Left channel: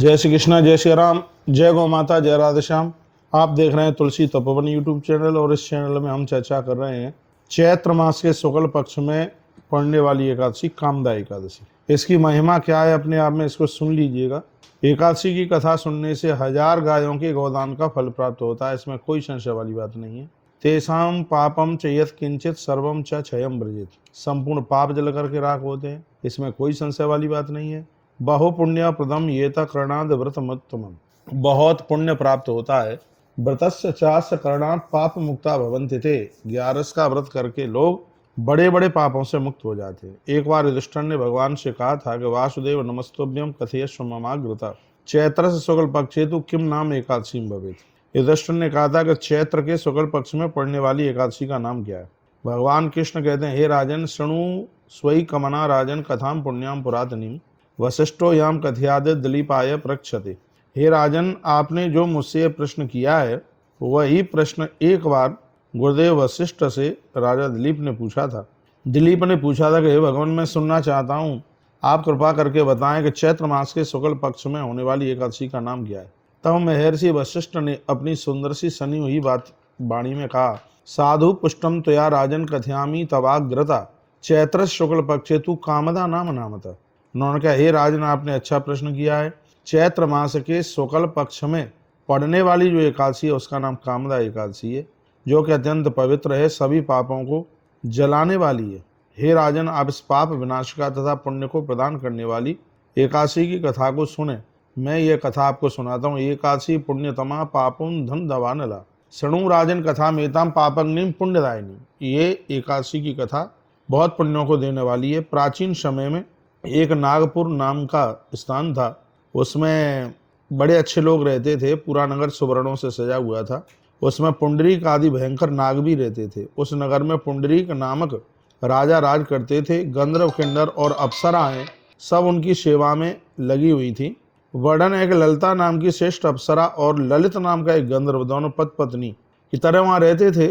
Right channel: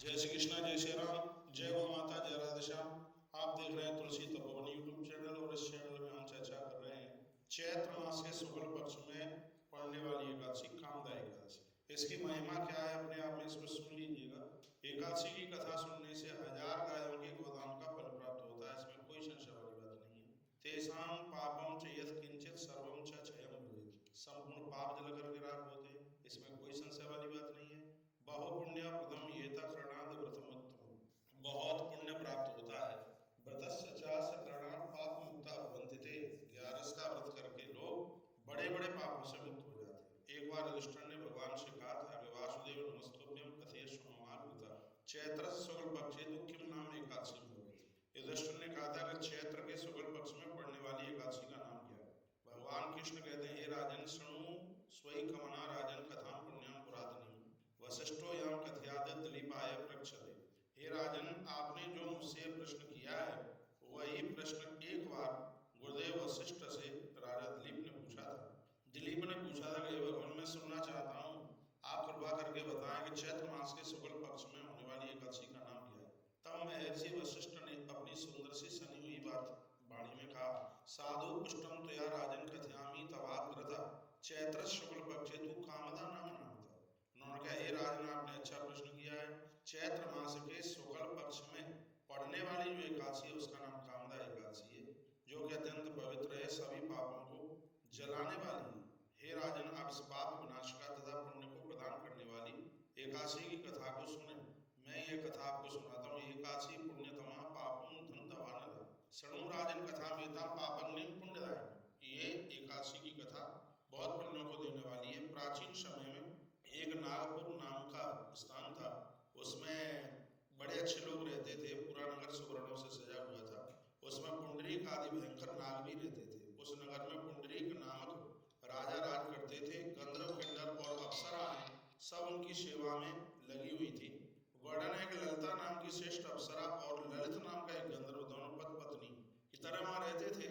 जय श्री कृष्णा, जय श्री राम, जय गौ माता, जय राधे श्याम। आप देख रहे हैं तुलसी तपोवन यूट्यूब चैनल और इस चैनल में हम चर्चा कर रहे हैं चैत्र मास के शुक्ल पक्ष में पड़ने वाली एकादशी कामदा एकादशी। इसकी महिमा क्या है अपने आप में, इसको सुन लीजिएगा। एकादशी की कथा सुनने से 1000 गायों के गोदान का फल प्राप्त होता है, इसमें कोई संशय वाली बात नहीं है। तेसाम पापम च यत् किंचित सर्वम च क्षयम ब्रजेत। संपूर्ण पाप जल करके राख होते हैं, इसमें कोई संशय वाली बात नहीं है। बहु पुण्य प्रदम ये करणाद व्रत मत्तमम। बहुत पुण्य प्राप्त होता है। व्रतस्य चास्य करणात् पाप मुक्ता भवन्ति थे। 11 का व्रत करके लोग बड़े बड़े पापों से मुक्त हो जाते हैं। एक बार युधिष्ठिर ने भगवान से कहा था कि वासुदेव नमस्तुभ्यम कथयस्व ममाग्रता चैत्र से शुक्ल पक्षे तु किम नाम एकादशी भवेत। युधिष्ठिर ने कहा था कि चैत्र के शुक्ल पक्ष में पड़ने वाली एकादशी का नाम क्या है। भगवान कृष्ण कहते हैं, हे राजन शृणु स्वई कमना राजन कथाम पुण्याम पुरातनीम वशिष्ठो याम कथयाद दिलीपाय प्रक्षते। हे राजन, आपने जो मुझसे प्रश्न किया है वही प्रश्न एक बार गुरुदेव वशिष्ठ से राजा दिलीप ने पूछा था। दिलीप ने पूछा था कि हे भगवान, मैं सुनना चाहता हूँ, आप कृपा करके बताएं कि चैत्र मास के शुक्ल पक्ष में होने वाली एकादशी का नाम क्या है। तब महर्षि वशिष्ठ ने अपनी सुंदर सी सनी हुई बात वाणी में कहा, साधु पुष्टम त्वया राजन कथयामी तवाग्रता चैत्र शुक्ल पक्षे तू कामदा नाम नामता। उन्होंने कहा, हे राजन, आपने अच्छा प्रश्न किया है। चैत्र मास के शुक्ल पक्ष में पड़ने वाली जो एकादशी है उसका नाम कामदा एकादशी है, जो कि अत्यंत पवित्र है, सभी पापों को जलाने वाली है। हे राजन, आप इस पाप विनाश का तथा पुण्य को प्रदान करने वाली एकादशी की कथा को सुने। मैं ये कथा आपको सुनाता हूँ। एकादशी पुण्यतमा पापुम धन दवानला शृणु राजन कथा मेताम पापग्निम पुण्यदायिनी। ये एकादशी की कथा बहुत पुण्यों को देने वाली है। प्राचीन समय में एक नागपुर नाम का स्थान था, उसमें बड़े अच्छे लोग रहते थे। पूरा नगर सुवर्णों से सजा हुआ था। उसमें पुंडरीक आदि भयंकर नाग भी रहते थे। उस नगर में पुंडरीक नामक राजा राज करते थे। गंधर्व किन्नर और अप्सराएं सब उनकी सेवा में लगी हुई थी। वर्णन एक ललिता नाम की श्रेष्ठ अप्सरा और ललित नाम का एक गंधर्व, दोनों पति पत्नी की तरह वहाँ रहते थे।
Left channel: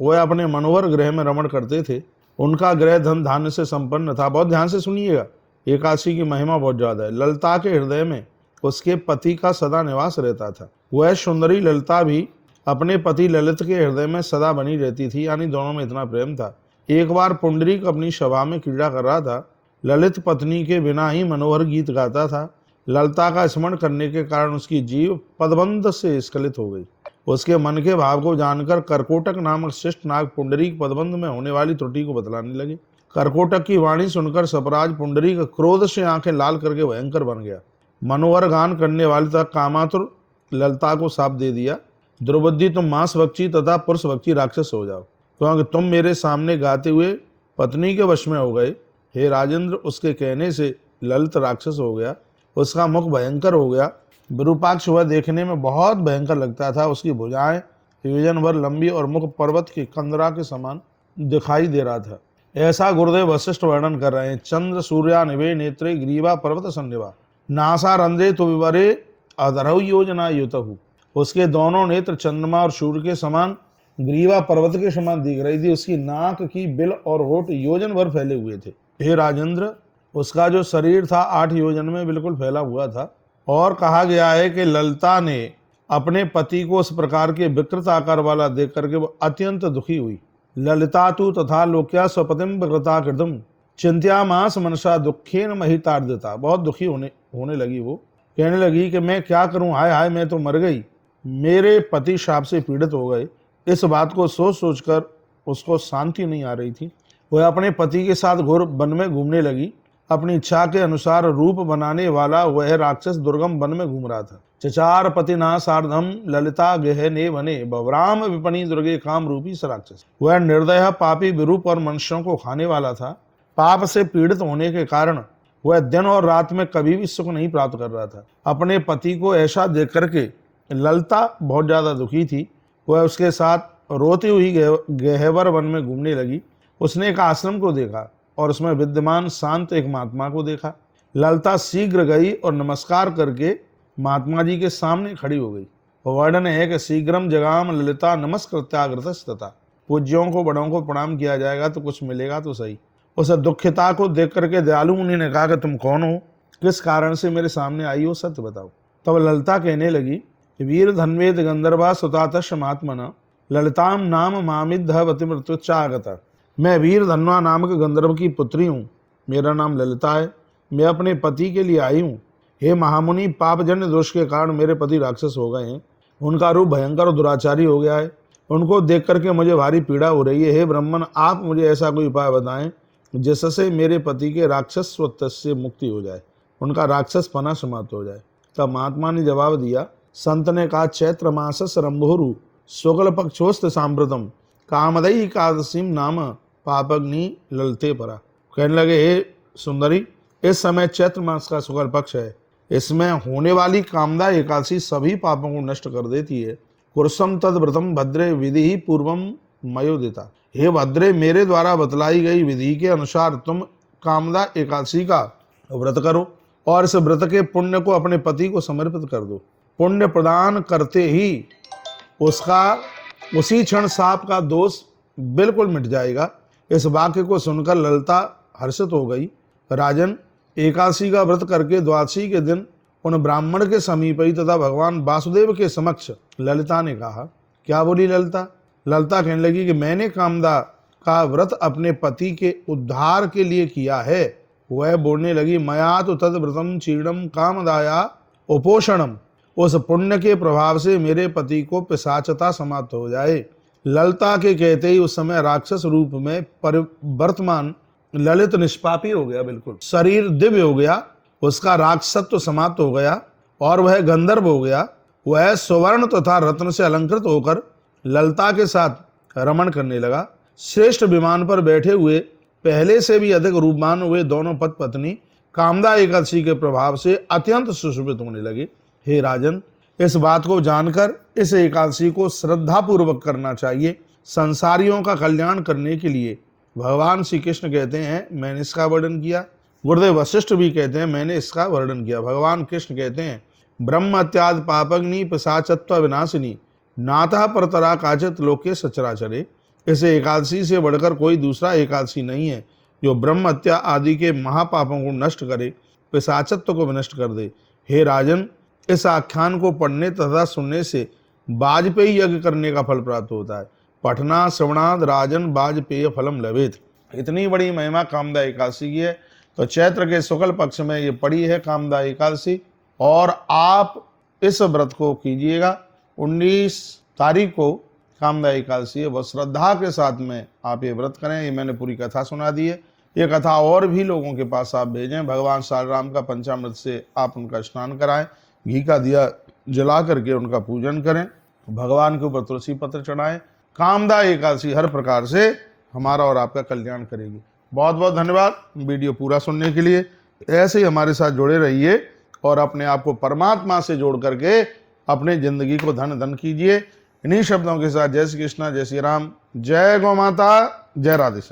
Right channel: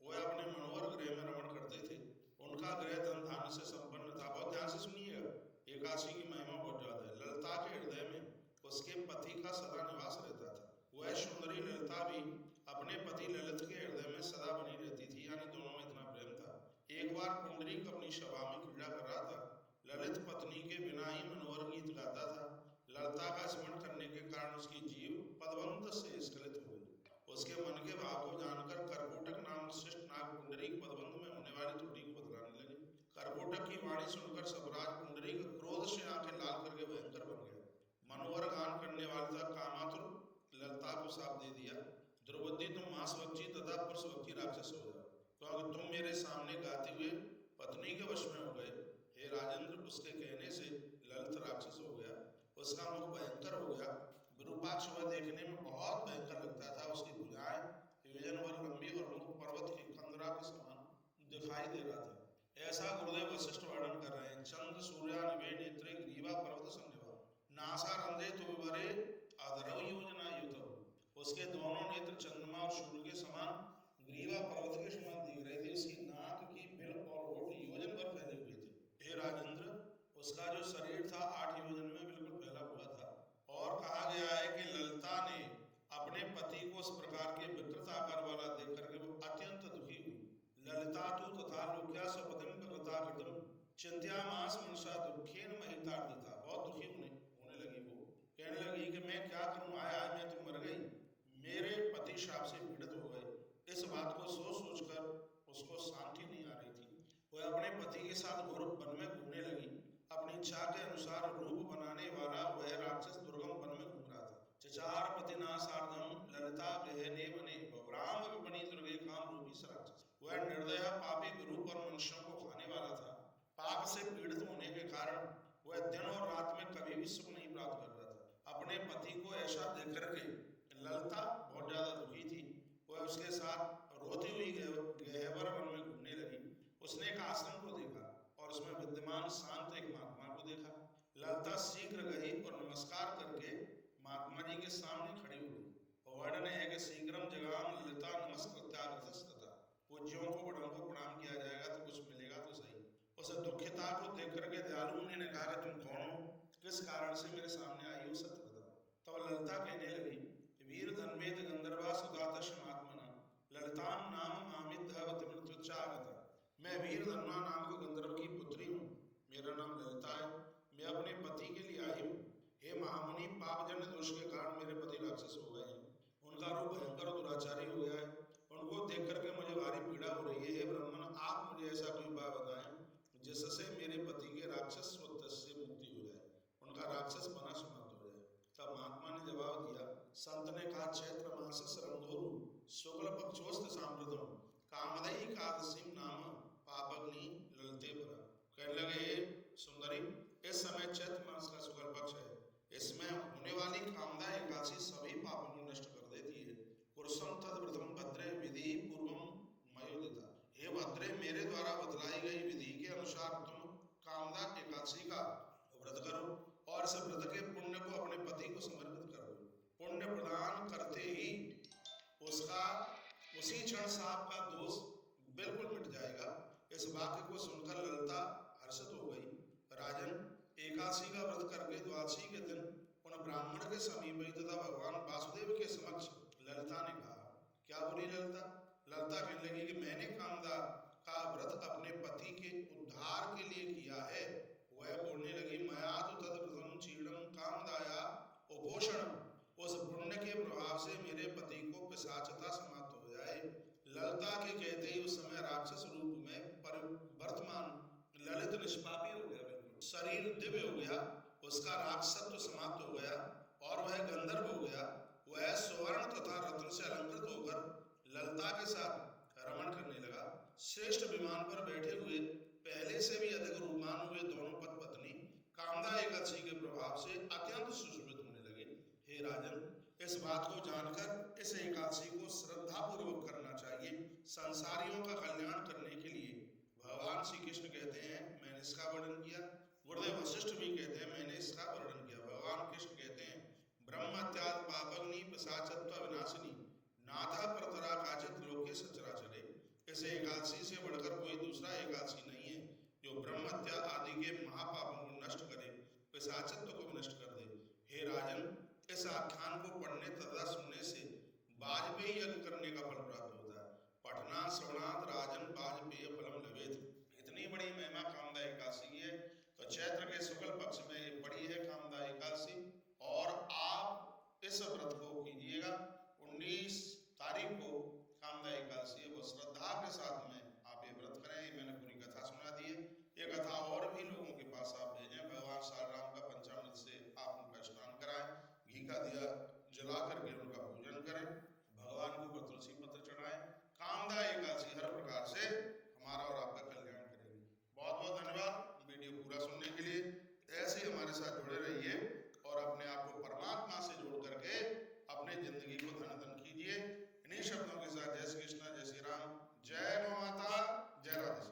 वह अपने मनोहर गृह में रमण करते थे। उनका गृह धन धान्य से संपन्न था। बहुत ध्यान से सुनिएगा, एकादशी की महिमा बहुत ज्यादा है। ललिता के हृदय में उसके पति का सदा निवास रहता था। वह सुंदरी ललिता भी अपने पति ललित के हृदय में सदा बनी रहती थी, यानी दोनों में इतना प्रेम था। एक बार पुंडरीक अपनी सभा में क्रीड़ा कर रहा था। ललित पत्नी के बिना ही मनोहर गीत गाता था। ललिता का स्मरण करने के कारण उसकी जीव पदबंध से स्खलित हो गई। उसके मन के भाव को जानकर करकोटक नामक श्रेष्ठ नाग पुंडरीक पदबंध में होने वाली त्रुटि को बतलाने लगे। करकोटक की वाणी सुनकर सपराज पुंडरीक क्रोध से आंखें लाल करके भयंकर बन गया। मनोहर गान करने वाले तक कामातुर ललिता को साप दे दिया, द्रौपदी, तुम मांस भक्षी तथा पुरुष भक्षी राक्षस हो जाओ, क्योंकि तुम मेरे सामने गाते हुए पत्नी के वश में हो गए। हे राजेंद्र, उसके कहने से ललित राक्षस हो गया। उसका मुख भयंकर हो गया। विरूपाक्ष वह देखने में बहुत भयंकर लगता था। उसकी भुजाएं योजन भर लंबी और मुख पर्वत की कंदरा के समान दिखाई दे रहा था। ऐसा गुरुदेव वशिष्ठ वर्णन कर रहे हैं। चंद्र सूर्या निवे नेत्रे ग्रीवा पर्वत संनिवा नासा रंध्रे तो विवरे अधरहु योजना युतहु। उसके दोनों नेत्र चंद्रमा और सूर्य के समान ग्रीवा पर्वत के समान दिख रही थी। उसकी नाक की बिल और होठ योजन भर फैले हुए थे। हे राजेंद्र, उसका जो शरीर था 8 योजन में बिल्कुल फैला हुआ था। और कहा गया है कि ललिता ने अपने पति को उस प्रकार के विकृत आकार वाला देख करके वो अत्यंत दुखी हुई। ललिता तु तथा लोक्या स्वपतिम विकृता कृतम चिंत्या मास मनसा दुखेन महितार्दिता। बहुत दुखी होने लगी। वो कहने लगी कि मैं क्या करूं, हाय हाय, मैं तो मर गई, मेरे पति शाप से पीड़ित हो गए। इस बात को सोच सोचकर उसको शांति नहीं आ रही थी। वह अपने पति के साथ घोर वन में घूमने लगी। अपनी इच्छा के अनुसार रूप बनाने वाला वह राक्षस दुर्गम वन में घूम रहा था। चचार पतिना सार्धम ललिता गहने वने बवराम विपणी दुर्गे काम रूपी स राक्षस। वह निर्दय पापी विरूप और मनुष्यों को खाने वाला था। पाप से पीड़ित होने के कारण वह दिन और रात में कभी भी सुख नहीं प्राप्त कर रहा था। अपने पति को ऐसा देख करके ललिता बहुत ज्यादा दुखी थी। वह उसके साथ रोती हुई गहवर वन में घूमने लगी। उसने एक आश्रम को देखा और उसमें विद्यमान शांत एक महात्मा को देखा। ललिता शीघ्र गई और नमस्कार करके महात्मा जी के सामने खड़ी हो गई। वर्णन है कि शीघ्रम जगाम ललिता नमस्कृत्याग्रतस्तता। पूज्यों को, बड़ों को प्रणाम किया जाएगा तो कुछ मिलेगा तो सही। उस दुखिता को देख करके दयालु मुनि ने कहा कि तुम कौन हो, किस कारण से मेरे सामने आई हो, सत्य बताओ। तब ललिता कहने लगी, वीर धन्वेद गंधर्वा सुतातश महात्मना ललिताम नाम मामिद्धवति मृत्युच्चागता। मैं वीर धनवा नामक गंधर्व की पुत्री हूँ, मेरा नाम ललिता है, मैं अपने पति के लिए आई हूँ। हे महामुनि, पापजन्य दोष के कारण मेरे पति राक्षस हो गए हैं, उनका रूप भयंकर और दुराचारी हो गया है, उनको देख करके मुझे भारी पीड़ा हो रही है। हे ब्राह्मण, आप मुझे ऐसा कोई उपाय बताएं जिससे मेरे पति के राक्षसत्व से मुक्ति हो जाए, उनका राक्षस पना समाप्त हो जाए। तब महात्मा ने जवाब दिया, संत ने कहा, चैत्र मासस रंभोरु शुक्ल पक्षोस्त सांप्रतम कामदई एकादशीम नाम पापग्नि ललते परा। कहने लगे, हे सुंदरी, इस समय चैत्र मास का शुक्ल पक्ष है, इसमें होने वाली कामदा एकादशी सभी पापों को नष्ट कर देती है। कुरसम तद व्रतम भद्रे विधि ही पूर्वम मयोदिता। हे भद्रे, मेरे द्वारा बतलाई गई विधि के अनुसार तुम कामदा एकादशी का व्रत करो और इस व्रत के पुण्य को अपने पति को समर्पित कर दो। पुण्य प्रदान करते ही उसका उसी क्षण सांप का दोष बिल्कुल मिट जाएगा। इस वाक्य को सुनकर ललिता हर्षित हो गई। राजन, एकादशी का व्रत करके द्वादशी के दिन उन ब्राह्मण के समीप ही तथा भगवान वासुदेव के समक्ष ललिता ने कहा। क्या बोली ललिता? ललिता कहने लगी कि मैंने कामदा का व्रत अपने पति के उद्धार के लिए किया है। वह बोलने लगी, मया तो तद व्रतम चीर्णम कामदाया उपोषणम। उस पुण्य के प्रभाव से मेरे पति को पिशाचता समाप्त हो जाए। ललिता के कहते ही उस समय राक्षस रूप में वर्तमान ललित निष्पापी हो गया, बिल्कुल शरीर दिव्य हो गया, उसका राक्षसत्व समाप्त हो गया और वह गंधर्व हो गया। वह सुवर्ण तथा रत्न से अलंकृत होकर ललिता के साथ रमण करने लगा। श्रेष्ठ विमान पर बैठे हुए पहले से भी अधिक रूपवान हुए दोनों पति पत्नी कामदा एकादशी के प्रभाव से अत्यंत सुशोभित होने लगे। हे राजन, इस बात को जानकर इस एकादशी को श्रद्धा पूर्वक करना चाहिए। संसारियों का कल्याण करने के लिए भगवान श्री कृष्ण कहते हैं, मैंने इसका वर्णन किया। गुरुदेव वशिष्ठ भी कहते हैं, मैंने इसका वर्णन किया। भगवान कृष्ण कहते हैं, ब्रह्म हत्याद पापग्नि पिशाचत्व विनाशिनी नाथा परतरा काचित लोके सचराचरे। इस एकादशी से बढ़कर कोई दूसरा एकादशी नहीं है जो ब्रह्म हत्या आदि के महापापों को नष्ट करे, पिशाचत्व को विनष्ट कर दे। हे राजन, इस आख्यान को पढ़ने तथा सुनने से वाजपेयी यज्ञ करने का फल प्राप्त होता है। पठना श्रवणाद राजन वाजपेय फलम लभेत। इतनी बड़ी महिमा कामदा एकादशी की है। तो चैत्र के शुक्ल पक्ष में ये पड़ी है कामदा एकादशी और आप इस व्रत को कीजिएगा। 19 तारीख को कामदा एकादशी है, वह श्रद्धा के साथ में आप ये व्रत करें। ये मैंने पूरी कथा सुना दी है। ये कथा और भी लोगों के पास आप भेजें। भगवान श्री राम का पंचामृत से आप उनका स्नान कराएं, घी का दिया जला करके उनका पूजन करें, भगवान के ऊपर तुलसी पत्र चढ़ाएं। कामदा एकादशी हर प्रकार से हमारा और आपका कल्याण करेगी। बहुत बहुत धन्यवाद वीडियो पूरा सुनने के लिए। ऐसे ही हमारे साथ जुड़े रहिए और अपने आप को परमात्मा से जोड़ करके अपने जिंदगी को धन धन कीजिए। इन्हीं शब्दों के साथ जय श्री कृष्णा, जय श्री राम, जय गौ माता, जय राधे श्याम।